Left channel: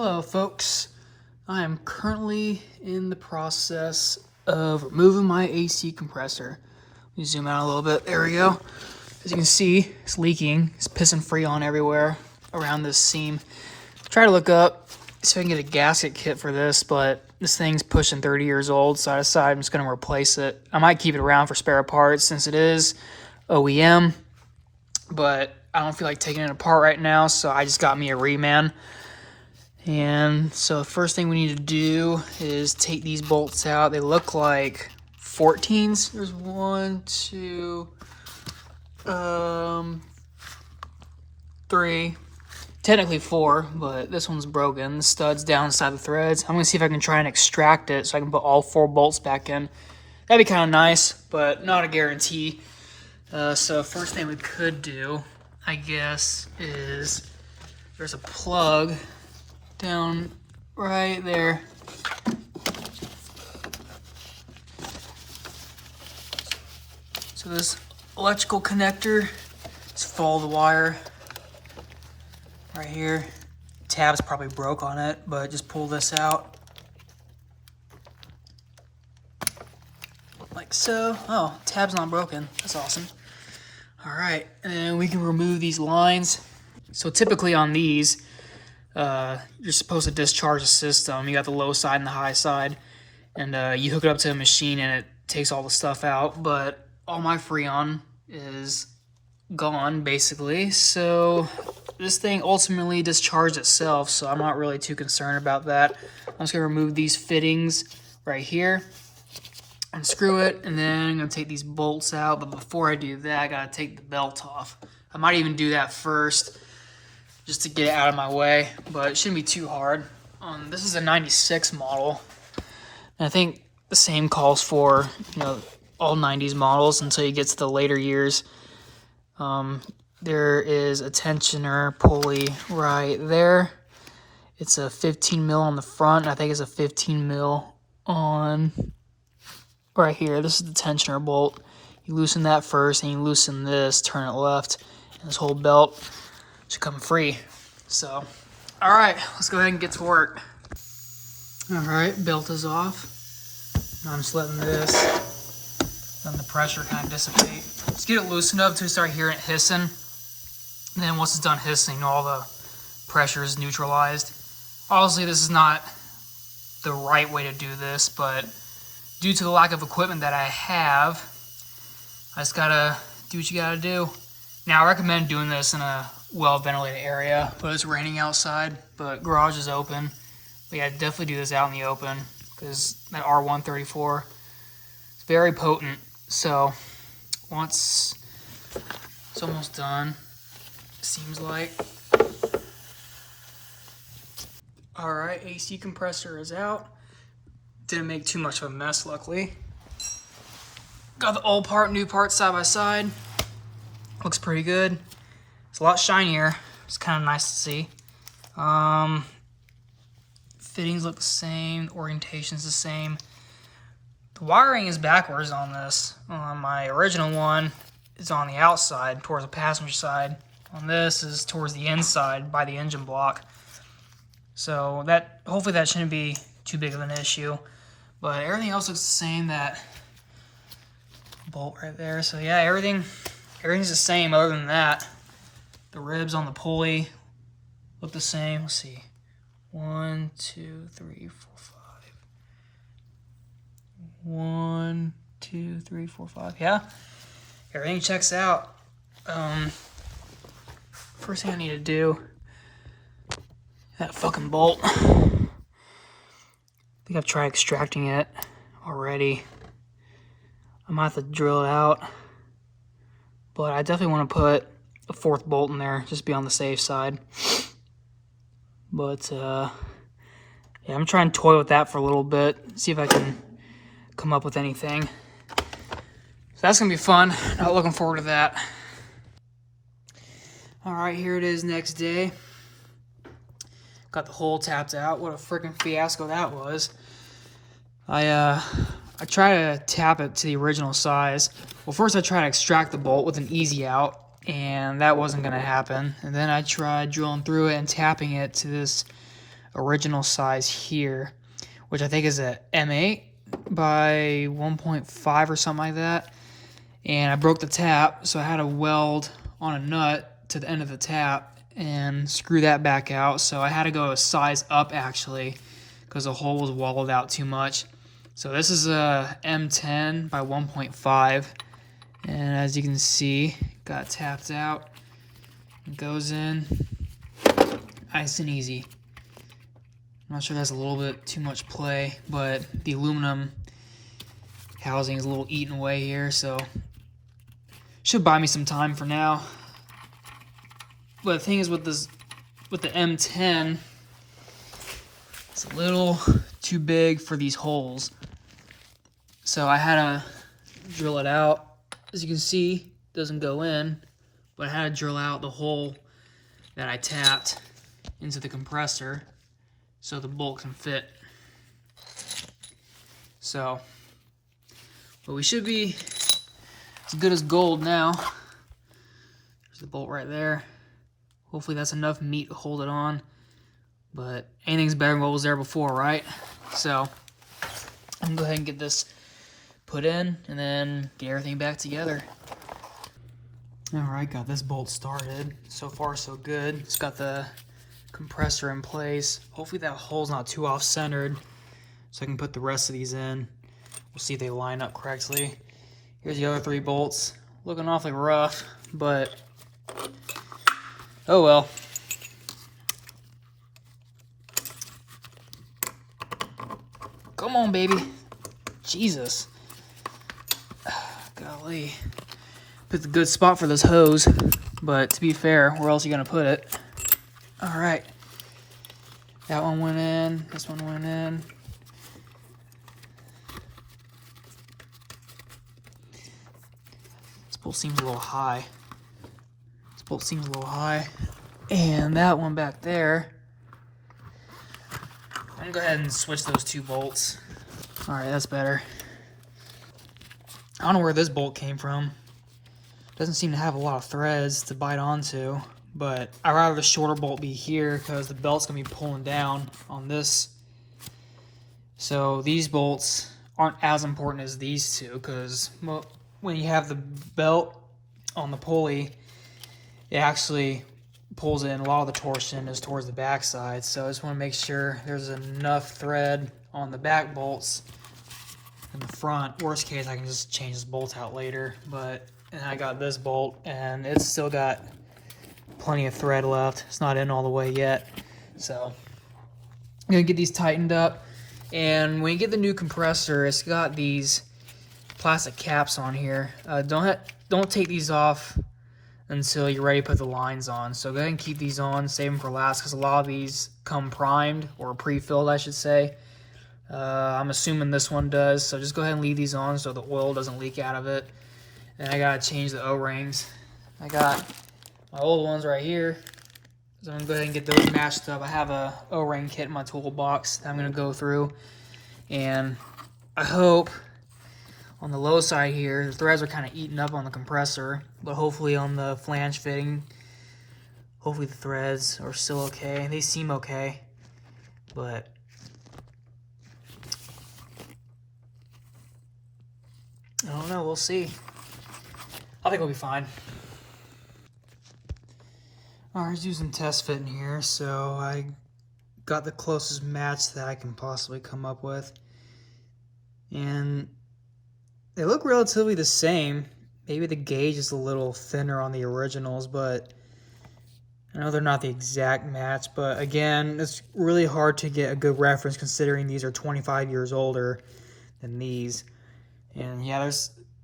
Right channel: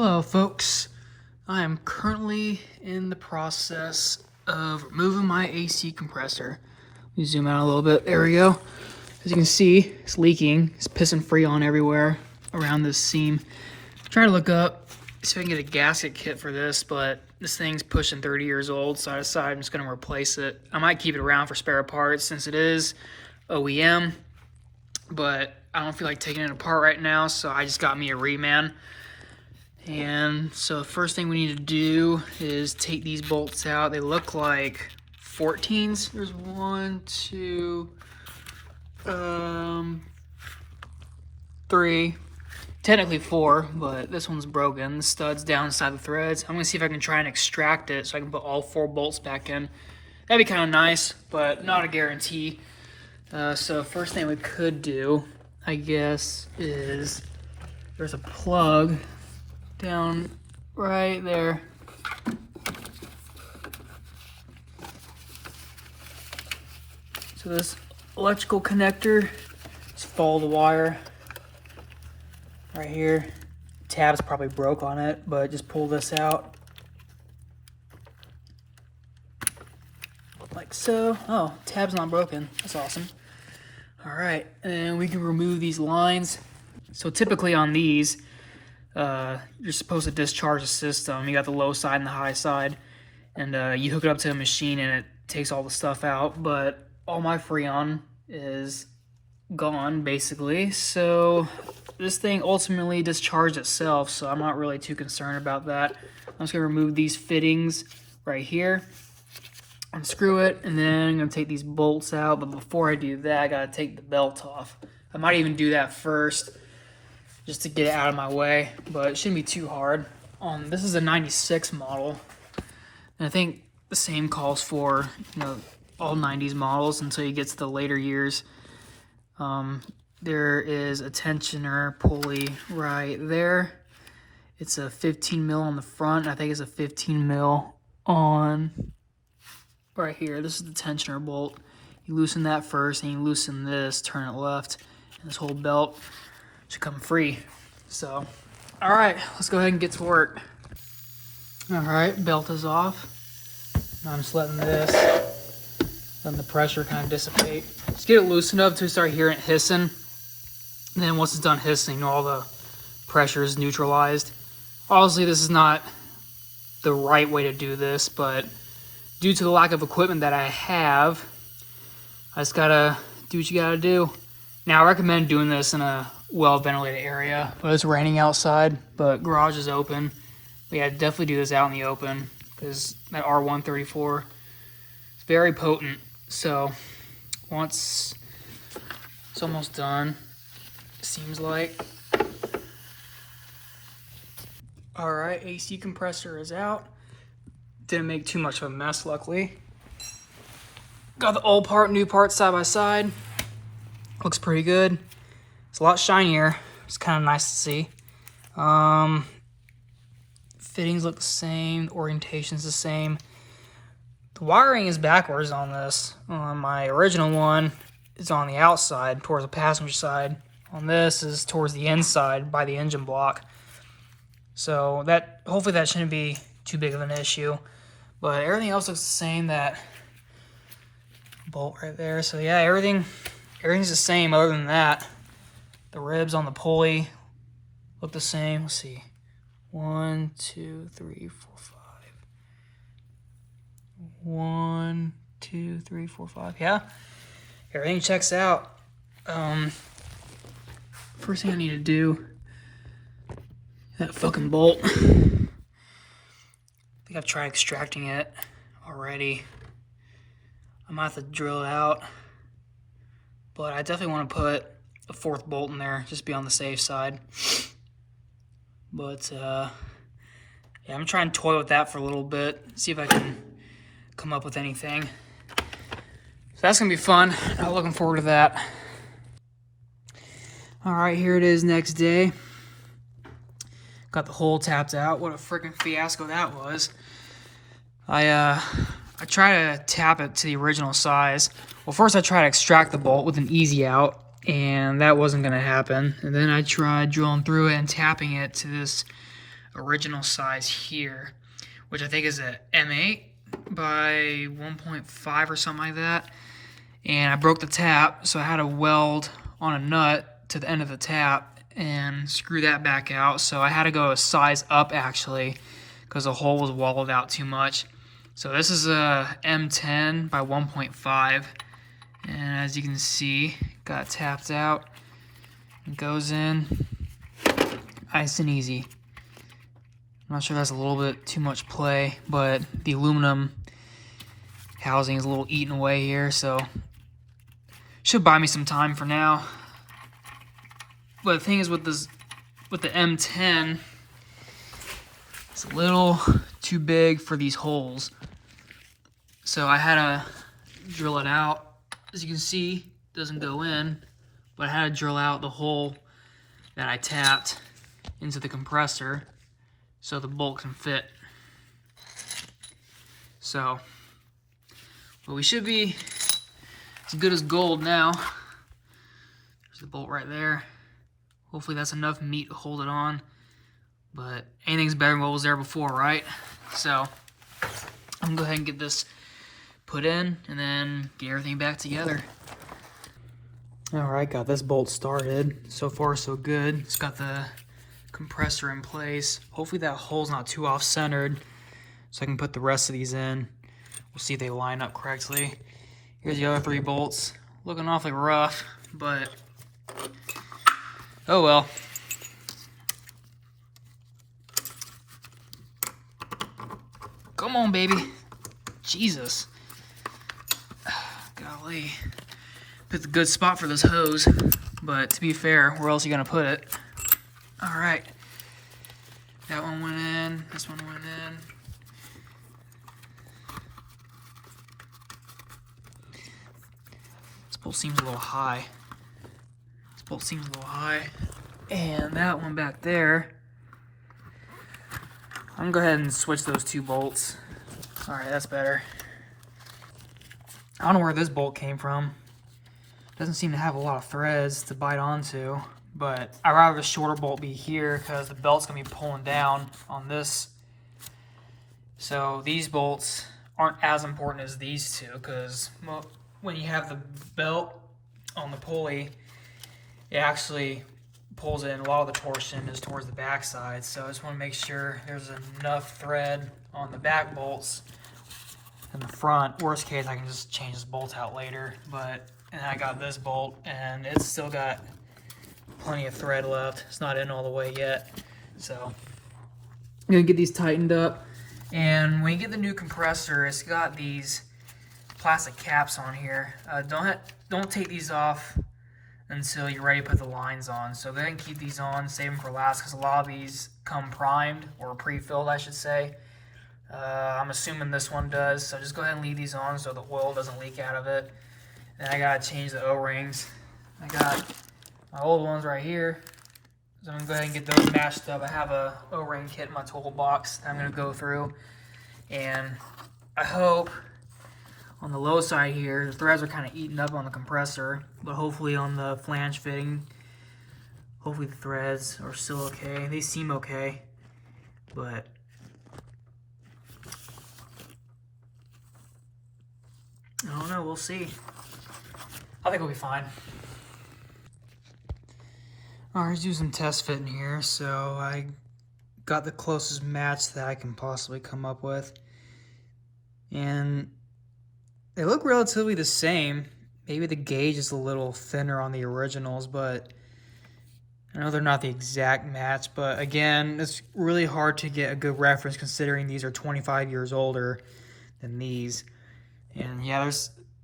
Hello folks, I am currently in the process of removing my AC compressor. Let me zoom out a little bit, there we go. As you can see, it's leaking, it's pissing Freon everywhere around this seam. Try to look up so I can get a gasket kit for this, but this thing's pushing 30 years old, so I decided I'm just going to replace it. I might keep it around for spare parts since it is OEM, but I don't feel like taking it apart right now, so I just got me a reman. And so the first thing we need to do is take these bolts out. They look like 14s. There's 1, 2, 3, technically 4, but this one's broken. The stud's down inside the threads. I'm gonna see if I can try and extract it so I can put all 4 bolts back in. That'd be kind of nice, but not a guarantee. So first thing we could do, I guess, is there's a plug down right there. So this electrical connector, just follow the wire right here. Tab's probably broke on it, but just pull this out like so. Oh, tab's not broken. That's awesome. All right, and then we can remove these lines. So typically on these, you're supposed to discharge the system. You got the low side and the high side, and you hook it up to a machine and it takes all the stuff out, but all my Freon is gone basically, so this thing ultimately discharged itself, so I'm not really too concerned about that. I'm just gonna remove these fittings right here, unscrew it, and then I'm gonna take these bolts out, but before I do that, I gotta take the belt off. I might even do that first, just to get it out of my way, but it shouldn't be too hard. This is a 96 model, and I think the same calls for, all 90s models until you get to the later years. There is a tensioner pulley right there. It's a 15 mil on the front, and I think it's a 15 mil on right here. This is the tensioner bolt. You loosen that first, and you loosen this, turn it left, and this whole belt should come free. So, all right, let's go ahead and get to work. All right, belt is off. Now I'm just letting the pressure kind of dissipate. Just get it loosened up until you start hearing it hissing. And then once it's done hissing, all the pressure is neutralized. Obviously, this is not the right way to do this, but due to the lack of equipment that I have, I just gotta do what you gotta do. Now, I recommend doing this in a well-ventilated area, but it's raining outside, but garage is open. But yeah, definitely do this out in the open, because that R134 is very potent. So once it's almost done, it seems like. All right, AC compressor is out. Didn't make too much of a mess, luckily. Got the old part, new part side by side. Looks pretty good. It's a lot shinier. It's kind of nice to see. Fittings look the same. The orientation's the same. The wiring is backwards on this. On my original one, it's on the outside towards the passenger side. On this is towards the inside by the engine block. So that hopefully that shouldn't be too big of an issue. But everything else looks the same. That bolt right there. So yeah, everything's the same other than that. The ribs on the pulley look the same. Let's see. 1, 2, 3, 4, 5. 1, 2, 3, 4, 5. Yeah, everything checks out. First thing I need to do, that fucking bolt. I think I've tried extracting it already. I might have to drill it out, but I definitely want to put a 4th bolt in there, just be on the safe side. But yeah, I'm trying to toy with that for a little bit, see if I can come up with anything. So that's gonna be fun. Not looking forward to that. All right, here it is next day. Got the hole tapped out. What a freaking fiasco that was. I try to tap it to the original size. Well, first I tried to extract the bolt with an easy out, and that wasn't gonna happen. And then I tried drilling through it and tapping it to this original size here, which I think is a M8 by 1.5 or something like that. And I broke the tap, so I had to weld on a nut to the end of the tap and screw that back out. So I had to go a size up actually, because the hole was walled out too much. So this is a M10 by 1.5, and as you can see, got tapped out. It goes in nice and easy. I'm not sure that's a little bit too much play, but the aluminum housing is a little eaten away here, so should buy me some time for now. But the thing is with this, with the M10, it's a little too big for these holes. So I had to drill it out. As you can see, it doesn't go in, but I had to drill out the hole that I tapped into the compressor so the bolt can fit. So, but we should be as good as gold now. There's the bolt right there. Hopefully that's enough meat to hold it on, but anything's better than what was there before, right? So I'm gonna go ahead and get this put in and then get everything back together. All right, got this bolt started. So far so good. Just got the compressor in place. Hopefully that hole's not too off-centered so I can put the rest of these in. We'll see if they line up correctly. Here's the other 3 bolts. Looking awfully rough, but oh well. Come on, baby. Jesus. Golly. Picked a good spot for this hose, but to be fair, where else are you gonna put it? All right. That one went in. This one went in. This bolt seems a little high. This bolt seems a little high. And that one back there. I'm gonna go ahead and switch those 2 bolts. All right, that's better. I don't know where this bolt came from. Doesn't seem to have a lot of threads to bite onto, but I'd rather the shorter bolt be here because the belt's gonna be pulling down on this. So these bolts aren't as important as these 2 because when you have the belt on the pulley, it actually pulls in. A lot of the torsion is towards the back side, so I just want to make sure there's enough thread on the back bolts in the front. Worst case, I can just change this bolt out later, but and I got this bolt and it's still got plenty of thread left. It's not in all the way yet, so I'm gonna get these tightened up. And when you get the new compressor, it's got these plastic caps on here. Don't take these off until you're ready to put the lines on. So go ahead and keep these on, save them for last, because a lot of these come primed, or pre-filled I should say. I'm assuming this one does, so just go ahead and leave these on so the oil doesn't leak out of it. Then I gotta change the O-rings. I got my old ones right here, so I'm gonna go ahead and get those matched up. I have a O-ring kit in my toolbox that I'm gonna go through, and I hope on the low side here, the threads are kind of eaten up on the compressor, but hopefully on the flange fitting, hopefully the threads are still okay. They seem okay, but I don't know, we'll see. I think we'll be fine. Alright, let's do some test fitting here. So I got the closest match that I can possibly come up with, and they look relatively the same. Maybe the gauge is a little thinner on the originals, but I know they're not the exact match. But again, it's really hard to get a good reference considering these are 25 years older than these. And yeah,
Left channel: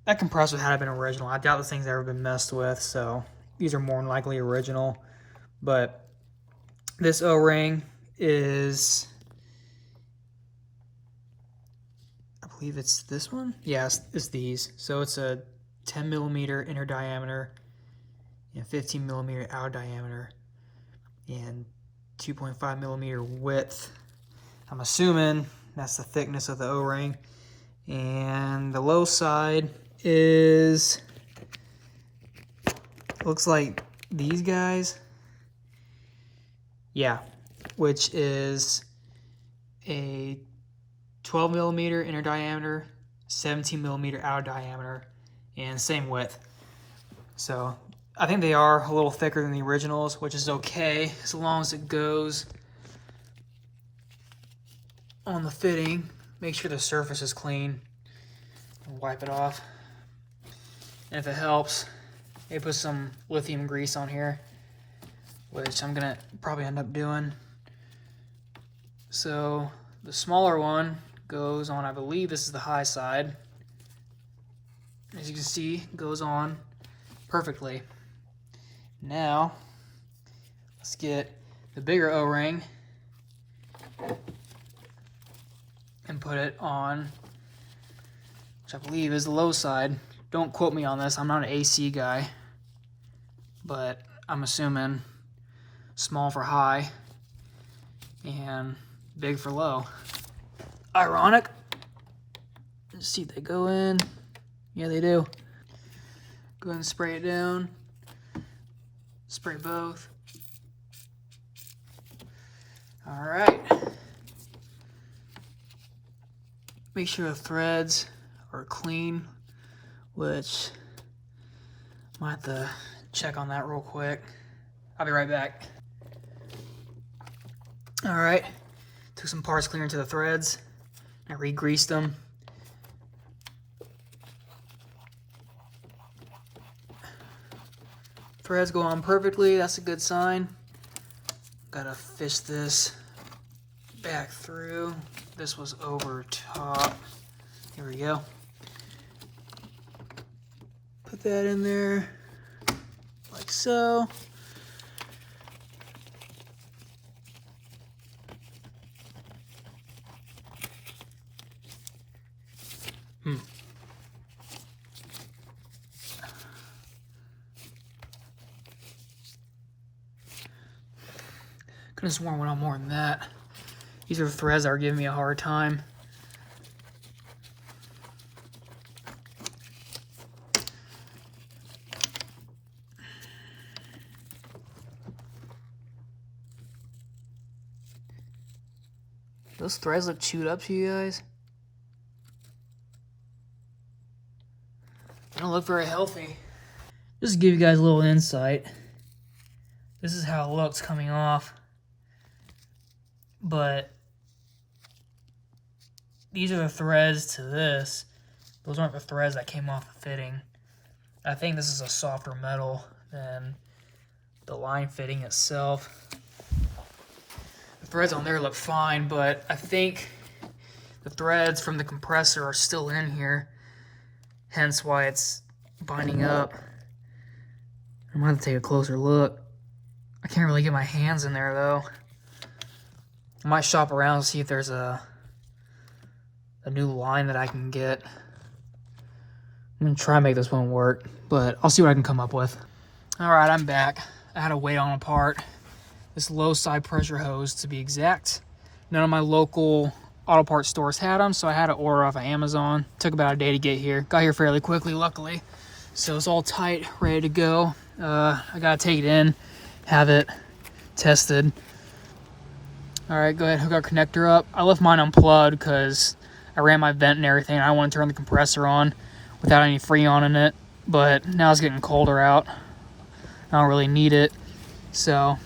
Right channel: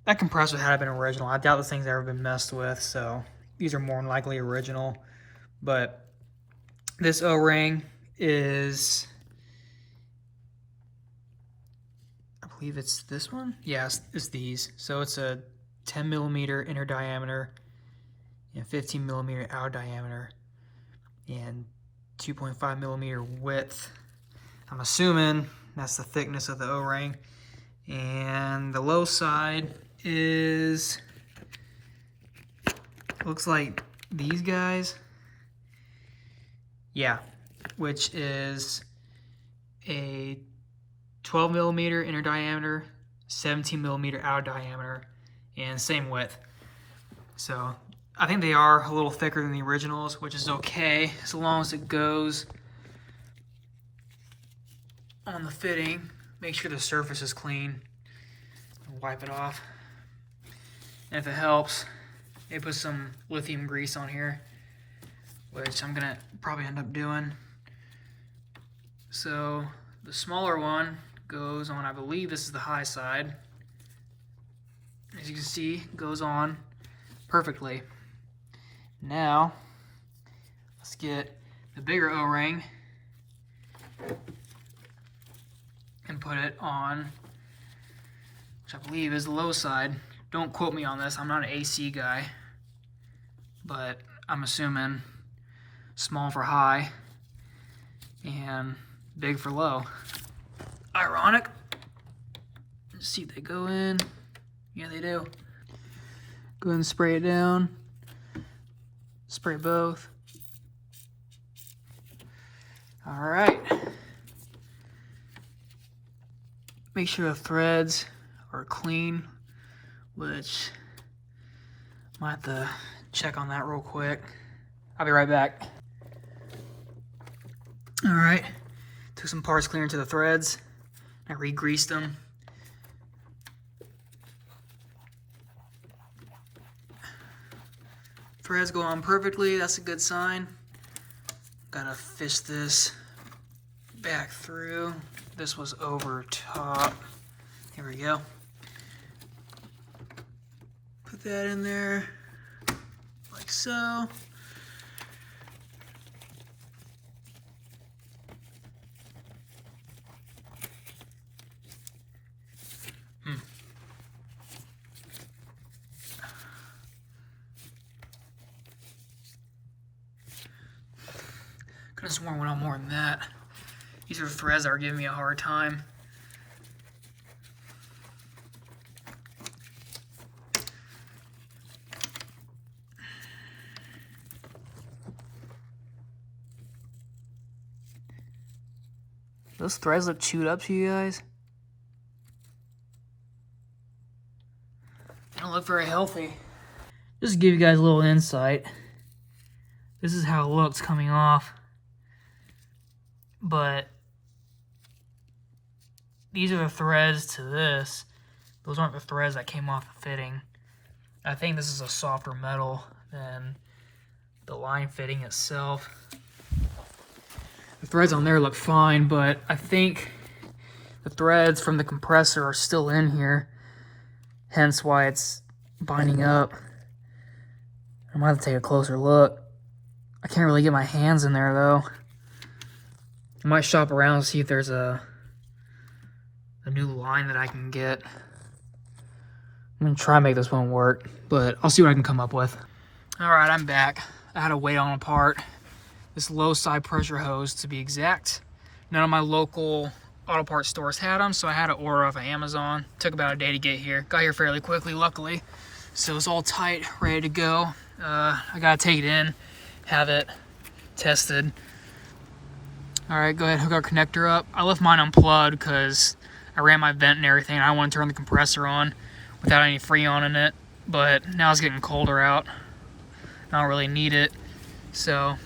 that compressor had been original. I doubt this thing's ever been messed with, so these are more than likely original. But this O-ring is, I believe it's this one? Yes, it's these. So it's a 10 millimeter inner diameter and 15 millimeter outer diameter and 2.5 millimeter width. I'm assuming that's the thickness of the O-ring. And the low side is, looks like these guys. Yeah, which is a 12 millimeter inner diameter, 17 millimeter outer diameter, and same width. So I think they are a little thicker than the originals, which is okay as long as it goes on the fitting. Make sure the surface is clean. Wipe it off. And if it helps, they put some lithium grease on here, which I'm gonna probably end up doing. So the smaller one goes on, I believe this is the high side. As you can see, goes on perfectly. Now, let's get the bigger O-ring and put it on, which I believe is the low side. Don't quote me on this, I'm not an AC guy, but I'm assuming small for high and big for low. Ironic. Let's see, they go in. Yeah, they do. Go ahead and spray it down. Spray both. All right. Make sure the threads are clean, which I might have to check on that real quick. I'll be right back. All right. Took some parts cleaner to the threads. I re-greased them. Threads go on perfectly, that's a good sign. Gotta fish this back through. This was over top. Here we go. Put that in there, like so. Could have sworn went on more than that. These are threads that are giving me a hard time. Those threads look chewed up to you guys. They don't look very healthy. Just to give you guys a little insight. This is how it looks coming off. But these are the threads to this. Those aren't the threads that came off the fitting. I think this is a softer metal than the line fitting itself. The threads on there look fine, but I think the threads from the compressor are still in here, hence why it's binding up. I might have to take a closer look. I can't really get my hands in there though. I might shop around and see if there's a new line that I can get. I'm gonna try and make this one work, but I'll see what I can come up with. All right, I'm back. I had to wait on a part. This low side pressure hose to be exact. None of my local auto parts stores had them, so I had to order off of Amazon. Took about a day to get here. Got here fairly quickly, luckily. So it's all tight, ready to go. I gotta take it in, have it tested. All right, go ahead, hook our connector up. I left mine unplugged because I ran my vent and everything. I want to turn the compressor on without any Freon in it, but now it's getting colder out. I don't really need it, so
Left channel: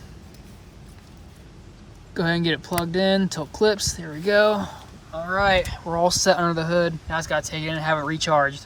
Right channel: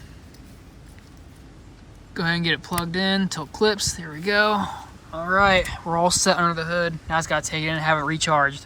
go ahead and get it plugged in until it clips. There we go. All right, we're all set under the hood. Now I just gotta take it in and have it recharged.